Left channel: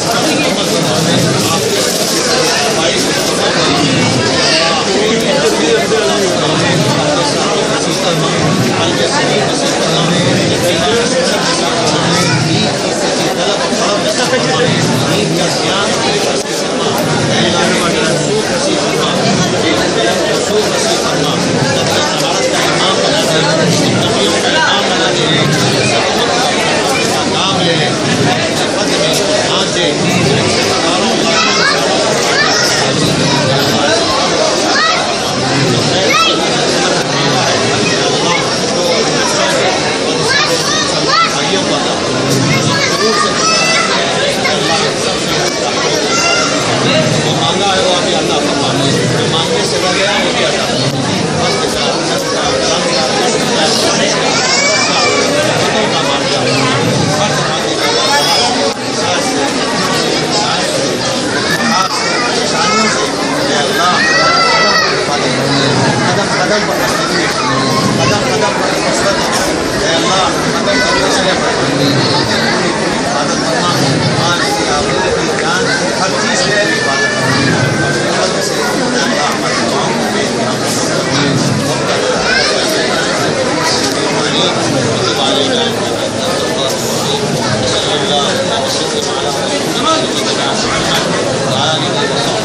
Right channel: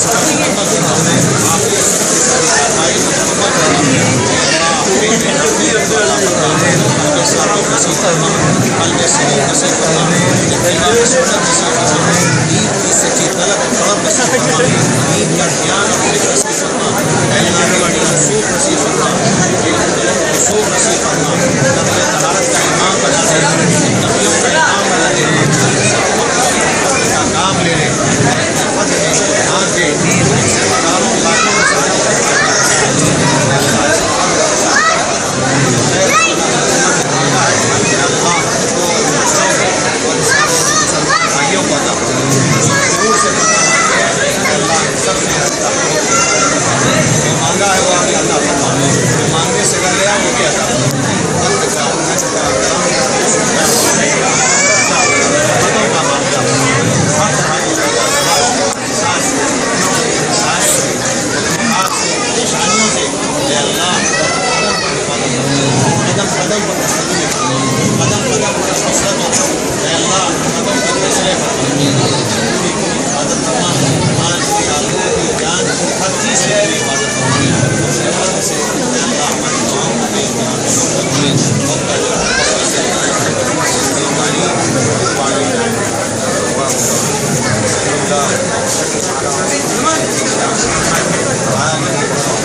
سفر مکمل فرما، عافیت کی ساری کارروائی کو مکمل فرما، ساتھی نصیب فرما، قلب سلیم نصیب فرما، اتباع سنت نصیب فرما، دین کی سچی طلب اور طلب نصیب فرما، دین کا دھیان اور فکر نصیب فرما، اللہ نے رسول نصیب فرما، رسول نصیب فرما، نقل طہارت کا امام بنا دے، متقیوں کا امام بنا دے، سب وقت اپنے فضل کا کام لے لے، اپنے فضل میں ان کو دھیان دے، رشتے داروں لاکھوں انسانوں کو فائدہ بھائیوں کو عطا فرما، ضرور سے اللہ سب سے جو مانگا ہے وہ ابھی عطا فرما، جو مانگنے سے رہ گیا وہ بھی عطا فرما، فضل کا، حج کا، کرم کا، حسن کا، کوشش کا، حسرت کا، رحمتوں کا معاملہ ہر طرح کی پیداوار احساس سے، مسائل سے، مخلوقات سے، پریشانیوں سے اے اللہ قدم پر حفاظت کرو، قدم قدم پر تسلیم کرو، قدم قدم پر حسرت کرو، اے اللہ قدم کے فیصلے پر پوری حفاظت فرما، مال کی، آبرو کی، جان کی، ہر چیز سے پوری حفاظت فرما، اپنے فضل سے اے اللہ ہماری دعاؤں کو بے انتہا قبول فرما، وقت علينا انك انت التواب الرحيم وصلى الله وسلم على رسولنا نبينا محمد وآله وصحبه